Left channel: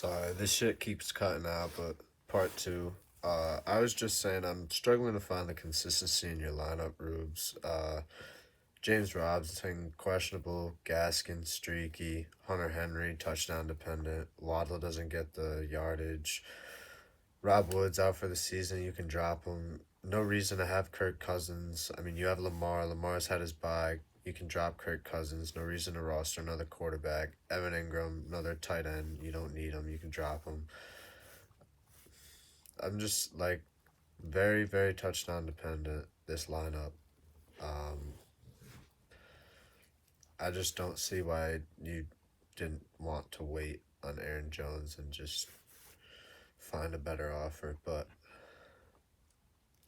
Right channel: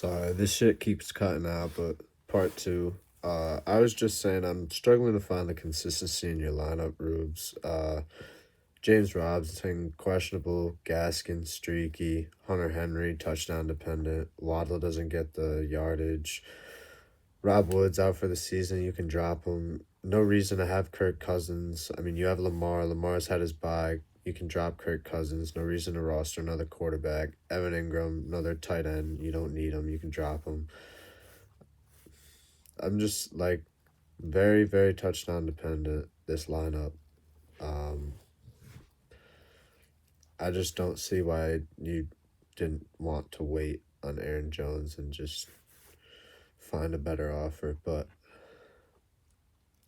Sorry, this shit keeps cutting out, but part two. I was just saying I'm struggling to find the consistency in your lineup, Rubes. James Robinson, questionable. Gaskin, streaky. Hunter Henry, touchdown dependent. Waddle doesn't get the yardage. Rob Woods out for the season. You can drop him. No reason to have Kirk Cousins. I mean, you have Lamar. Lamar's had his bye. You can drop Kirk Cousins. No reason to roster another quarterback. Evan Ingram, another tight end. You don't need him. You can drop him. I'm just like very, very touchdown dependent, this lineup. Um, I just don't see why you didn't want to wait on Aaron Jones and just find a better offer, but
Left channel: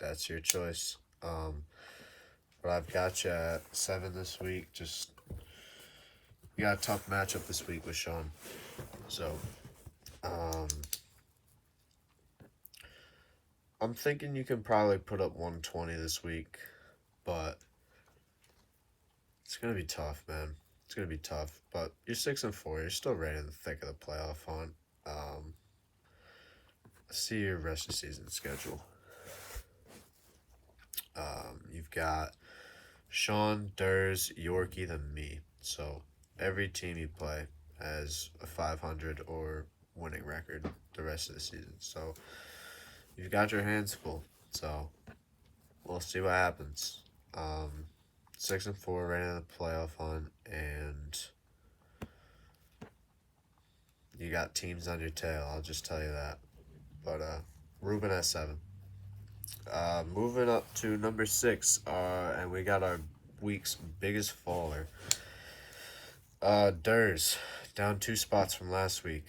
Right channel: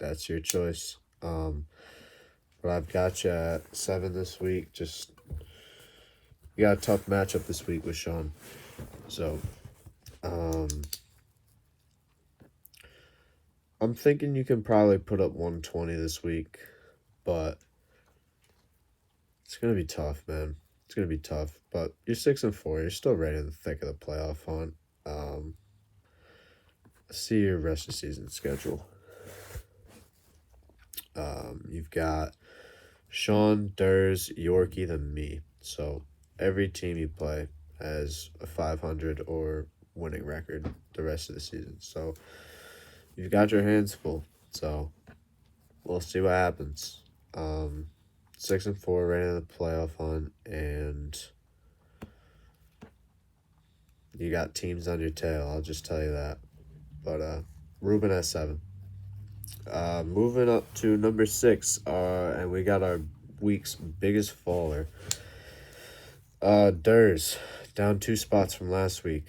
that's your choice. But I've got you at 7 this week. Just you got a tough matchup this week with Sean. So I'm thinking you can probably put up 120 this week, but it's gonna be tough, man. It's gonna be tough. But you're 6-4. You're still right in the thick of the playoff hunt. See your rest of season schedule. You've got Sean, Durs, Yorkie, then me. So every team you play has a 500 or winning record the rest of the season. So you've got your hands full. So we'll see what happens. 6-4, right in the playoff hunt, and you got teams on your tail. I'll just tell you that. But Ruben at 7. Moving up to number 6, and we got our week's biggest faller. Durs, down 2 spots from last week.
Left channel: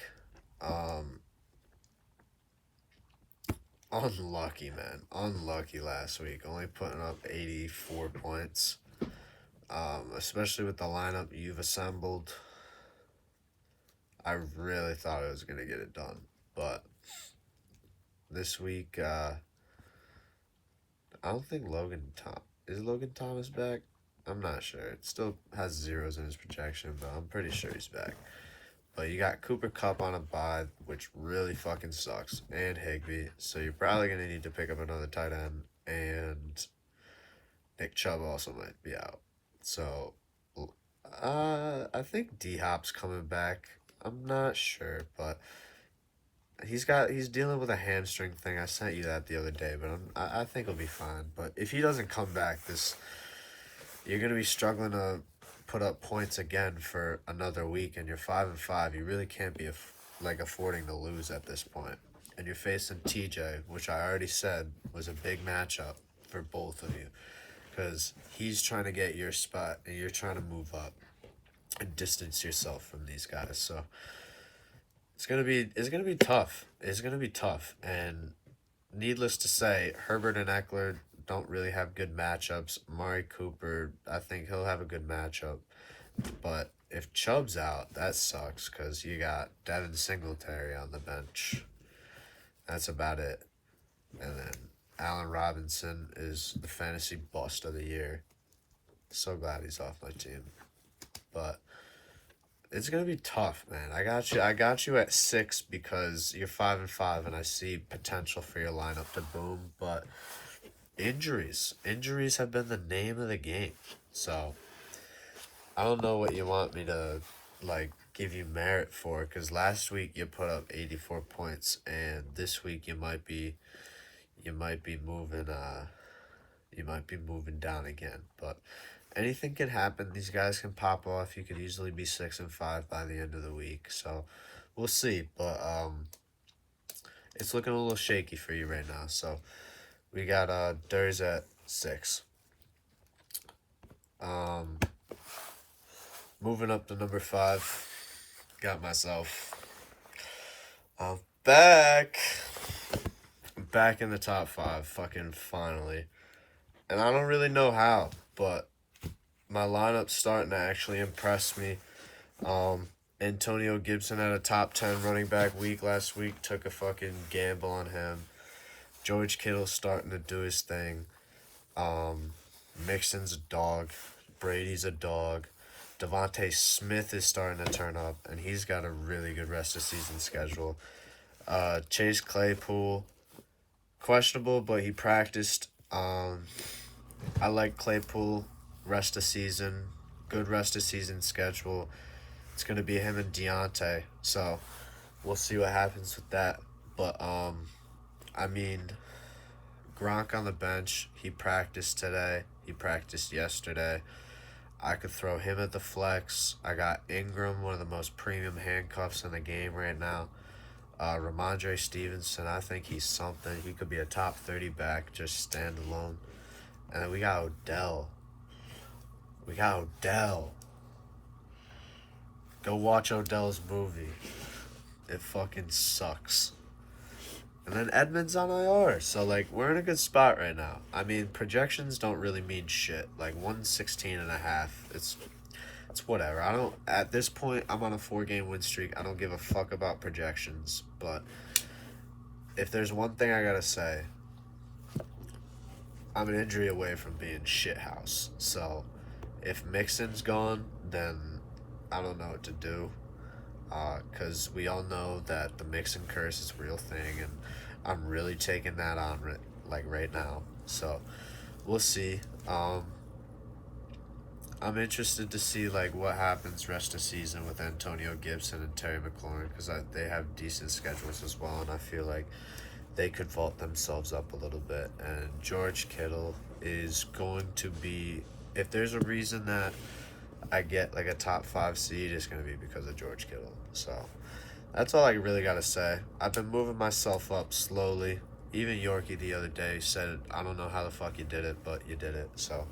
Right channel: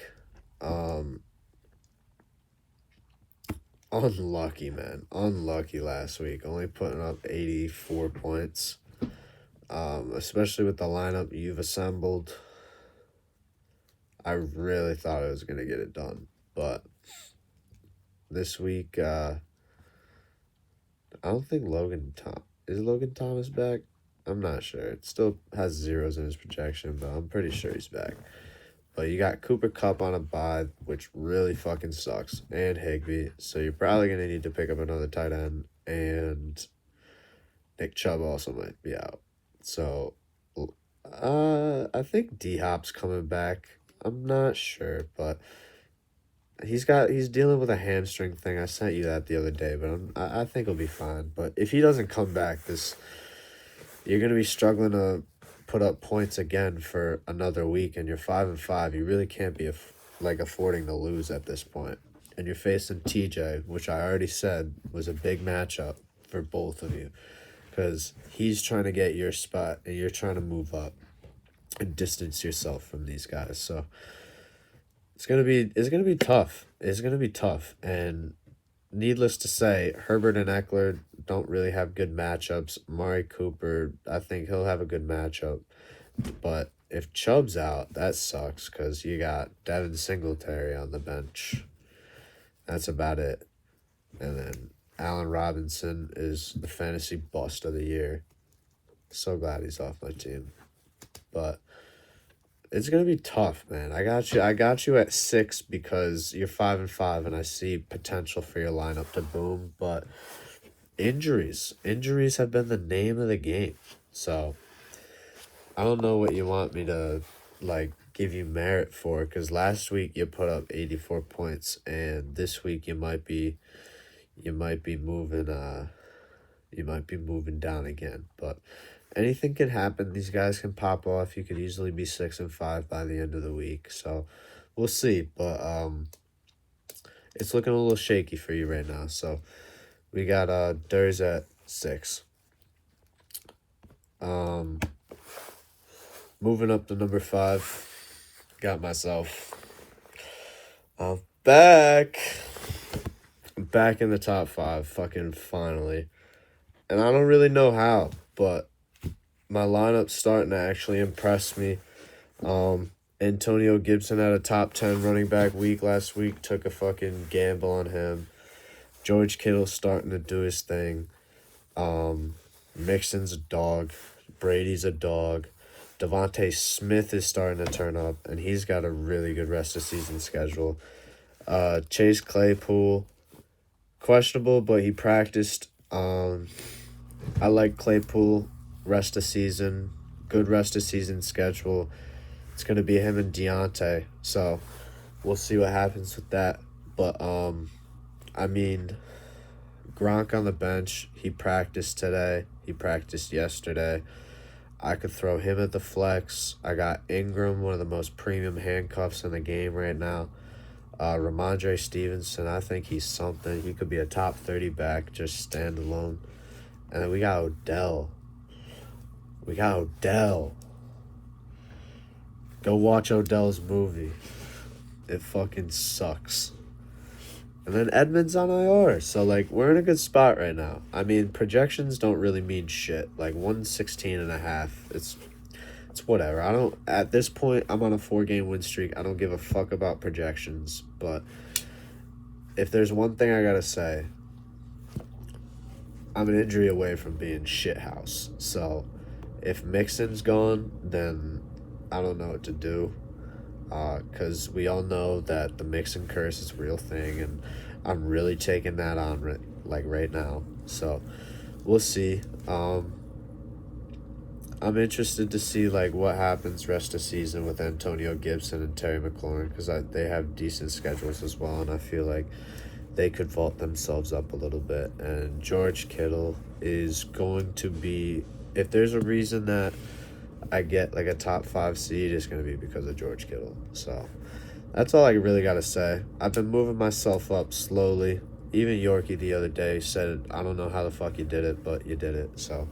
Unlucky, man. Unlucky last week. Only putting up 84 points. Especially with the lineup you've assembled. I really thought I was going to get it done. But this week, I don't think is Logan Thomas back? I'm not sure. It still has zeros in his projection, but I'm pretty sure he's back. But you got Cooper Kupp on a bye, which really fucking sucks, and Higbee. So you're probably going to need to pick up another tight end, and Nick Chubb also might be out. So I think D-Hop's coming back. I'm not sure, but he's dealing with a hamstring thing. I sent you that the other day, but I think he'll be fine. But if he doesn't come back, you're going to be struggling to put up points again for another week, and you're 5-5. You really can't be affording to lose at this point. And you're facing TJ, which I already said was a big matchup for both of you, because he's trying to get your spot and you're trying to move up and distance yourself from these guys. So it's gonna be tough. It's gonna be tough. And needless to say, Herbert and Eckler don't really have good matchups. Amari Cooper, I think he'll have a good matchup. But if Chubb's out, that sucks, because you got Devin Singletary on the bench. That's about it. And then Allen Robinson is the fantasy bust of the year. So glad he's off my team. But it's gonna be tough, man. I got you at 6 because you're 5-5, and I see potential for your lineup to boom. But injuries have been the name of the game. So I don't know what you want me to give you merit for, because last week you put up 84 points, and this week you might be moving down again. But anything can happen. These guys can pop off. You could easily be 6-5 by the end of the week. So we'll see. But it's looking a little shaky for you right now. So we got Durs at 6. Moving up to number 5. Got myself back in the top 5, fucking finally. And I don't really know how, but my lineup's starting to actually impress me. Antonio Gibson had a top 10 running back week last week. Took a fucking gamble on him. George Kittle's starting to do his thing. Mixon's a dog. Brady's a dog. Devontae Smith is starting to turn up, and he's got a really good rest of season schedule. Chase Claypool, questionable, but he practiced. I like Claypool, rest of season, good rest of season schedule. It's going to be him and Deontay, so we'll see what happens with that. But, I mean, Gronk on the bench, he practiced today, he practiced yesterday. I could throw him at the flex. I got Ingram, one of the most premium handcuffs in the game right now. Ramondre Stevenson, I think he's something. He could be a top 30 back, just standalone. And then we got Odell. Go watch Odell's movie. It fucking sucks. And then Edmonds on IR. So, like, we're in a good spot right now. I mean, projections don't really mean shit. Like, 116.5. It's whatever. I don't, at this point, I'm on a 4-game win streak. I don't give a fuck about projections. But if there's one thing I gotta say, I'm an injury away from being shithouse. So if Mixon's gone, then I don't know what to do. Because we all know that the Mixon curse is a real thing, and I'm really taking that on right now. So we'll see. I'm interested to see like what happens rest of season with Antonio Gibson and Terry McLaurin, because they have decent schedules as well, and I feel like they could vault themselves up a little bit. And George Kittle is going to be, if there's a reason that I get like a top 5 seed, it's going to be because of George Kittle. So that's all I really got to say. I've been moving myself up slowly. Even Yorkie the other day said, I don't know how the fuck you did it, but you did it. So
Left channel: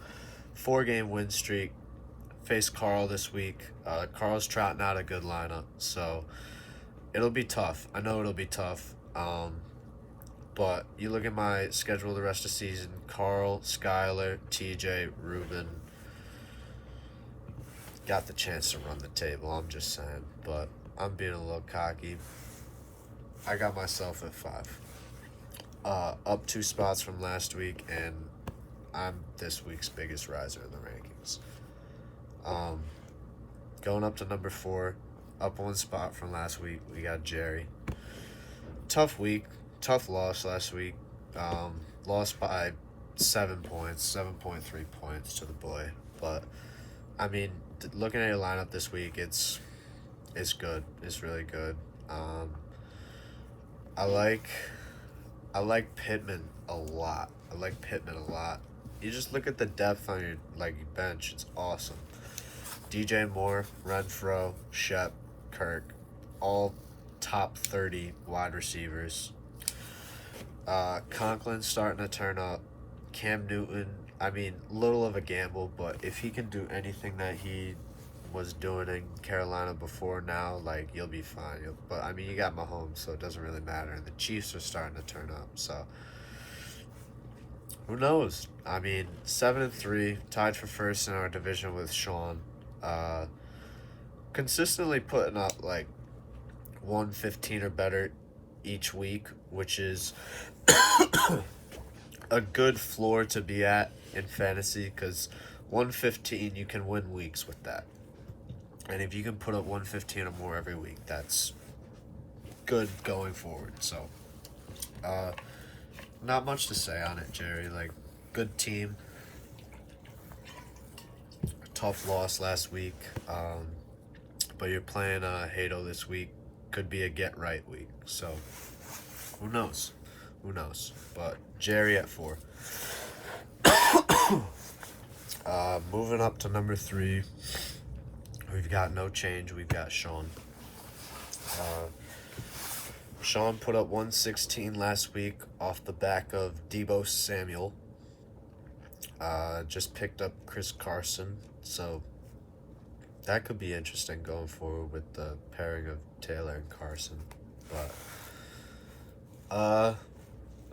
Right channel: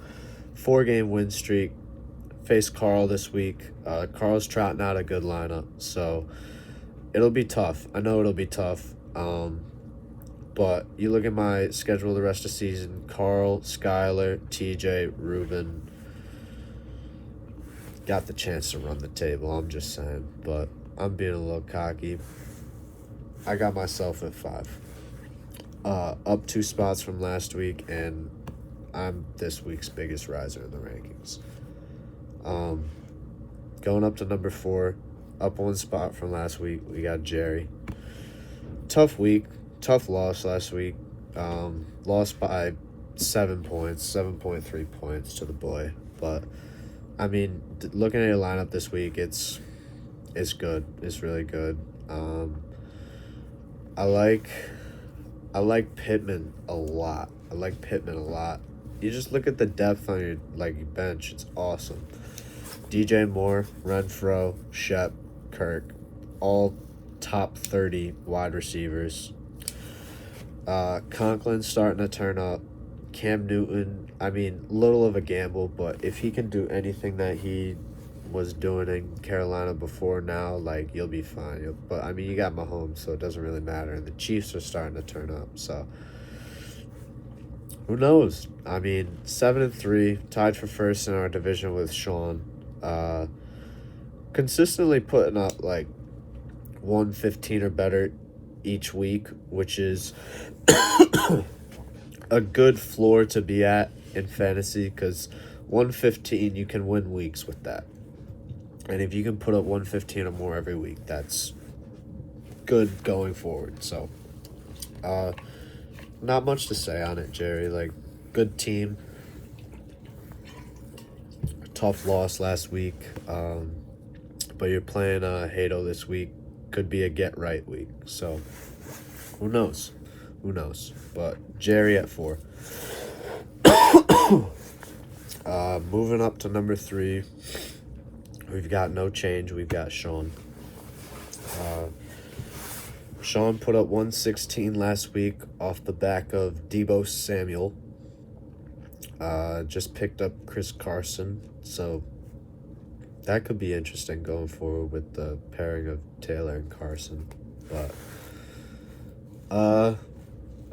4-game win streak. Face Carl this week. Carl's trotting out a good lineup, so it'll be tough. I know it'll be tough. But you look at my schedule the rest of the season: Carl, Skyler, TJ, Ruben. Got the chance to run the table, I'm just saying. But I'm being a little cocky. I got myself at 5. Up 2 spots from last week, and I'm this week's biggest riser in the rankings. Going up to number 4, up 1 spot from last week, we got Jerry. Tough week, tough loss last week. Lost by 7 points, 7.3 points to the boy. But I mean, looking at your lineup this week, it's good. It's really good. I like Pittman a lot. You just look at the depth on your bench. It's awesome. DJ Moore, Renfro, Shep, Kirk, all top 30 wide receivers. Conklin's starting to turn up. Cam Newton, I mean, little of a gamble, but if he can do anything that he was doing in Carolina before now, like, you'll be fine. But, I mean, you got Mahomes, so it doesn't really matter. And the Chiefs are starting to turn up, so who knows? I mean, 7-3, tied for first in our division with Sean. Consistently putting up, like, 115 or better each week, which is a good floor to be at in fantasy, because 115, you can win weeks with that. And if you can put up 115 or more every week, that's good going forward. So, not much to say on it, Jerry. Like, good team. Tough loss last week. But you're playing Hato this week. Could be a get-right week. So, who knows? But Jerry at 4. Moving up to number 3. We've got no change. We've got Sean. Sean put up 116 last week off the back of Deebo Samuel. Just picked up Chris Carson, so that could be interesting going forward with the pairing of Taylor and Carson. But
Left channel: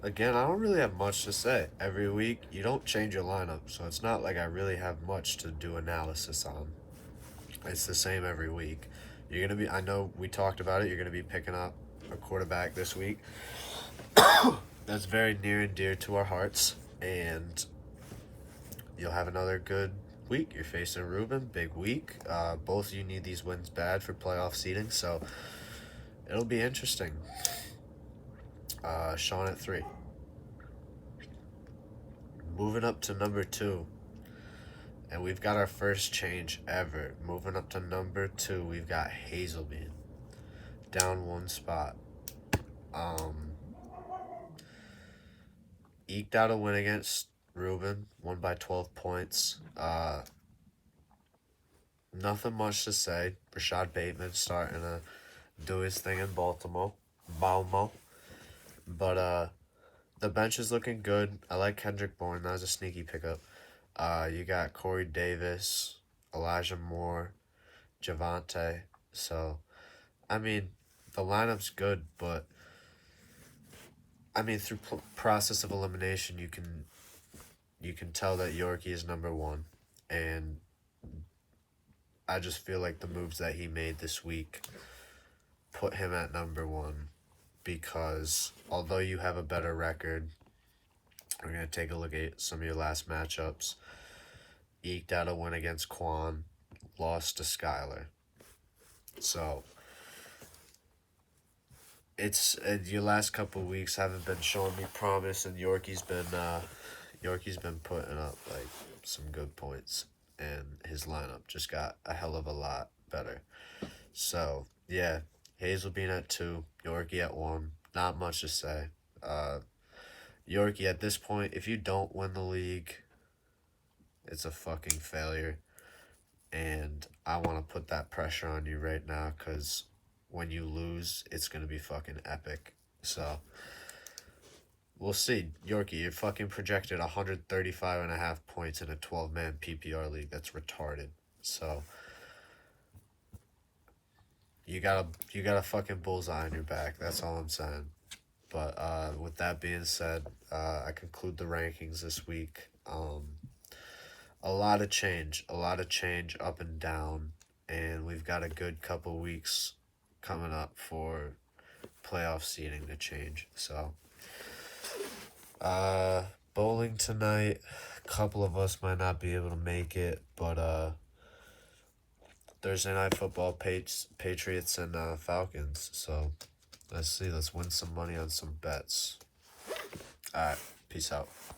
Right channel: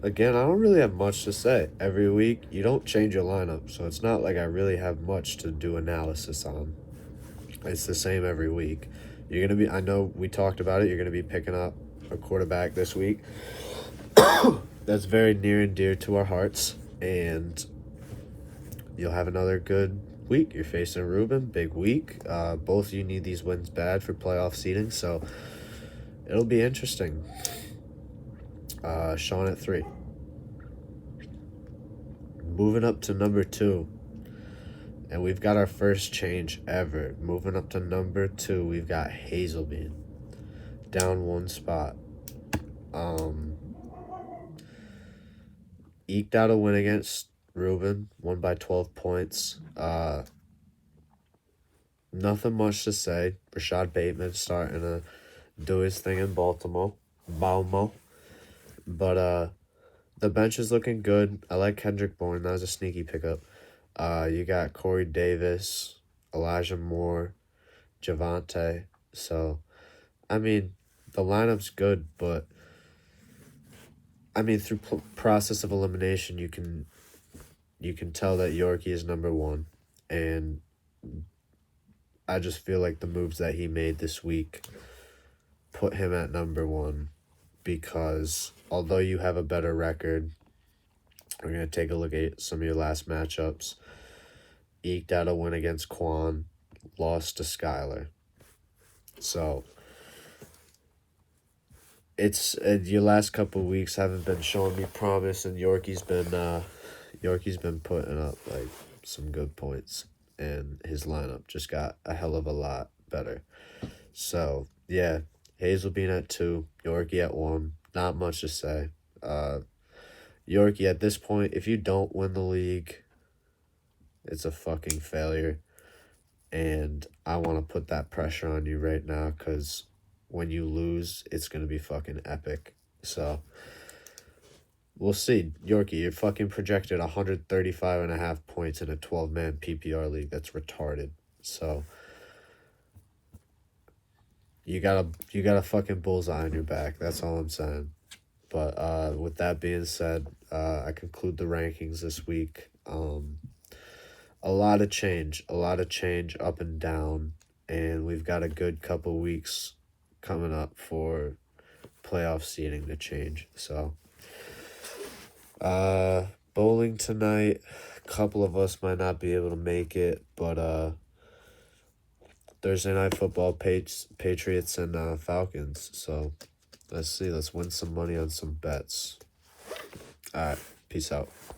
again, I don't really have much to say. Every week, you don't change your lineup, so it's not like I really have much to do analysis on. It's the same every week. You're going to be, I know we talked about it, you're going to be picking up a quarterback this week. That's very near and dear to our hearts, and you'll have another good week. You're facing Ruben, big week. Both of you need these wins bad for playoff seeding, so it'll be interesting. Sean at 3. Moving up to number 2. And we've got our first change ever. Moving up to number 2, we've got Hazelbean. Down 1 spot. Eked out a win against Ruben. Won by 12 points. Nothing much to say. Rashad Bateman starting to do his thing in Baltimore. But the bench is looking good. I like Kendrick Bourne. That was a sneaky pickup. You got Corey Davis, Elijah Moore, Javante. So, I mean, the lineup's good, but I mean, through process of elimination, you can tell that Yorkie is number 1, and I just feel like the moves that he made this week put him at number 1, because although you have a better record, we're going to take a look at some of your last matchups. Eked out a win against Quan, lost to Skyler. So, it's your last couple of weeks haven't been showing me promise, and Yorkie's been putting up like some good points, and his lineup just got a hell of a lot better. So yeah, Hazelbean at 2, Yorkie at 1. Not much to say. Yorkie at this point, if you don't win the league, it's a fucking failure, and I want to put that pressure on you right now, because when you lose, it's going to be fucking epic. So, we'll see. Yorkie, you're fucking projected 135.5 points in a 12-man PPR league. That's retarded. So, you got a fucking bullseye on your back. That's all I'm saying. But with that being said, I conclude the rankings this week. A lot of change up and down, and we've got a good couple weeks coming up for playoff seeding to change. So, bowling tonight. A couple of us might not be able to make it, but Thursday night football, Patriots and Falcons. So let's see. Let's win some money on some bets. All right, peace out.